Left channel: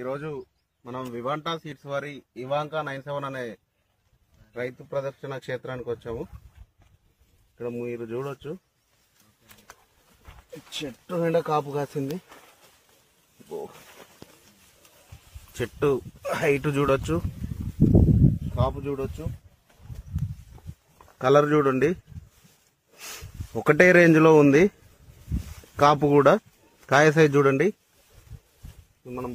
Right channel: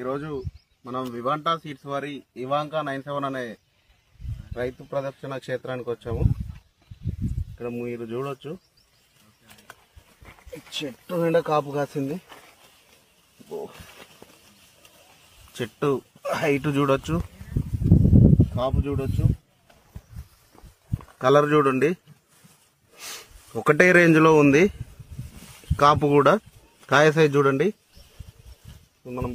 ఈరోజు మనం వివాంటా సీడ్స్ వారి ఇవాంకా 97 అనే రైతు ప్రదర్శన క్షేత్రానికి వచ్చాము. ఇక్కడ మీరు చూడొచ్చు, చెట్టు నిండా కాపు కాసింది. చెట్టు హైట్ చూడొచ్చు, కాపు చూడొచ్చు, కలర్ చూడండి, ఒకటే రేంజ్ లో ఉంది. కాపు కూడా, కాయ సైజ్ చూడండి. మనం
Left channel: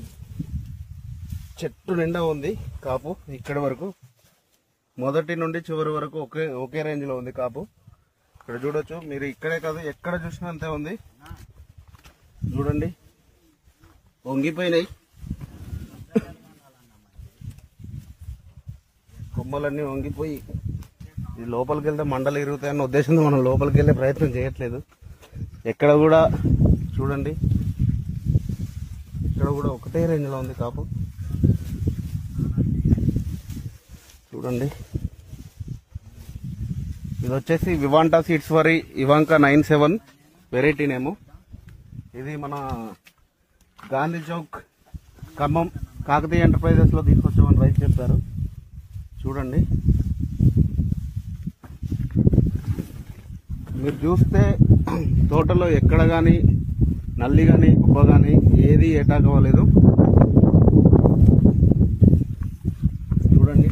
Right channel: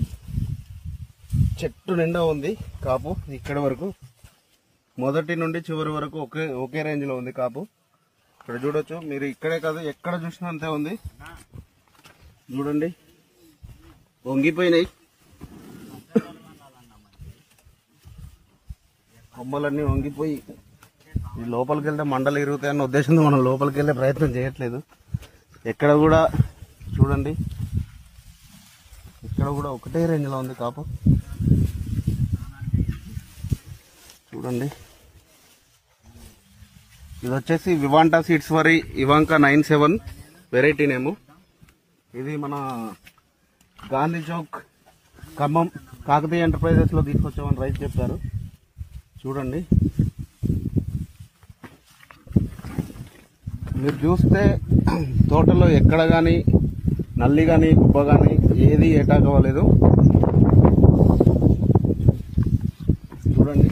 చెట్టు నిండా ఉంది కాపు. ఇక్కడ వరకు మొదటి నుండి చివరి వరకు ఒకే రేంజ్ లో ఉంది కాపు. ఇక్కడ చూడొచ్చు మీరు, ఇక్కడే కాదు ఎక్కడ చూసినా అంతే ఉంది. చూడండి, వంగిపోయినాయి కొమ్మలన్నీ, వంగిపోయి లోపలికి వెళ్తే మండలు ఇరుగుతాయన్న ఉద్దేశంతో మనం లోపలికి వెళ్ళే ప్రయత్నం చేయట్లేదు. ఎక్కడ కూడా చూడండి, ఇక్కడ కూడా ఒకటే రేంజ్ లో ఉంది కాపు. చూడండి, ఇది వచ్చేసి వివాంటా సీడ్స్ వారి ఇవాంకా 97 వెరైటీ నేము. ఇది మన గాంధీ చౌక్ ఖమ్మం కాకతీయ ఎంటర్ప్రైజెస్ లో తీసుకొచ్చామని రైతు చెప్పారు. చూడండి, మీరు చూస్తే తోటలో ఎక్కడ కానీ నల్లి కానీ గుబ్బ కానీ ఏది అటాక్ అవ్వలేదు. చూడండి,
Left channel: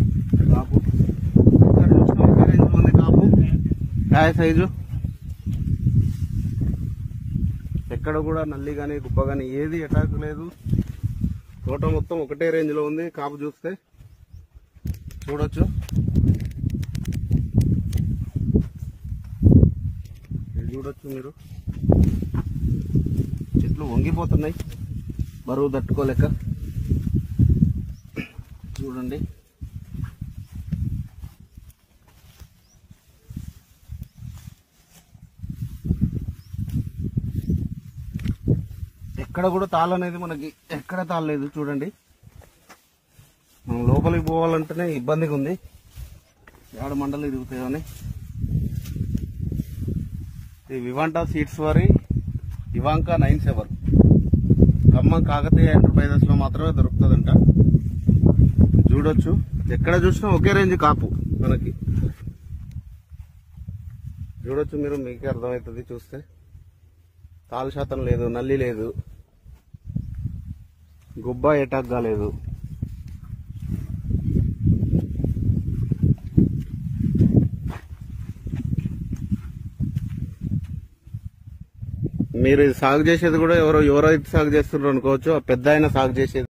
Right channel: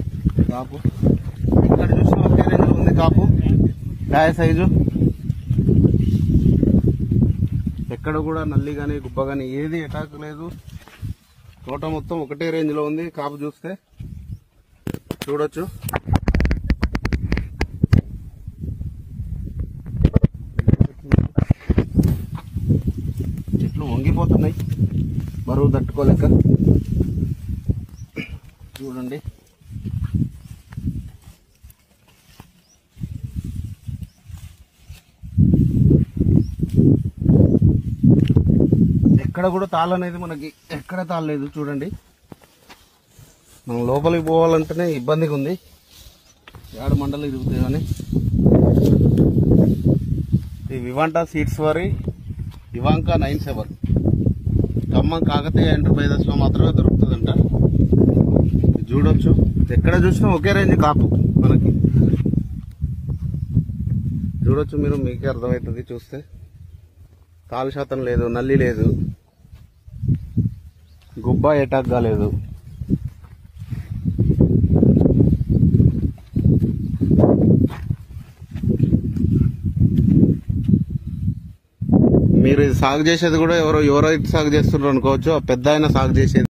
కాపు ఎక్కడ చూసినా ఒకే రేంజ్ ఉంది కాపు. కాయ సైజు ఎక్కడ కూడా నల్లి కానీ గుబ్బ కానీ ఏది అటాక్ లేదు. తోట మొత్తం ఒకటే రేంజ్ లో ఉంది. కాపు చూస్తే చూడొచ్చు, చూడొచ్చు మీరు, చెట్లు వంగిపోతున్నాయి బరువు తట్టుకోలేక. చూడండి, ఎక్కడ కూడా తాళ అనేది మనకి ఎక్కడ తాళలేదు. చూడండి, మనం లోపలికి పోవాలంటేనే ఇబ్బందిగా ఉంది. ఏడు మండలు తిరుగుతాయని. ఈ వివాంటా సీడ్స్ వారి ఇవాంకా 97 ఖమ్మం కాకతీయ ఎంటర్ప్రైజెస్ లో మాత్రమే దొరుకుతుందంట. చూడొచ్చు, ఎక్కడ చూసినా ఒకే రేంజ్ కాపు మనకి. చూడొచ్చు మీరు, మీకే అర్థమవుతుంది చూస్తే. తాలు శాతం లేదు, నల్లి లేదు, గుబ్బ అటాక్ కాలేదు. మీరు సాగు చేసేది కూడా ఎవరో సాగు చేస్తున్నారు అనుకోవచ్చు. ఆ పెద్ద ఆయన సాగు చేసేది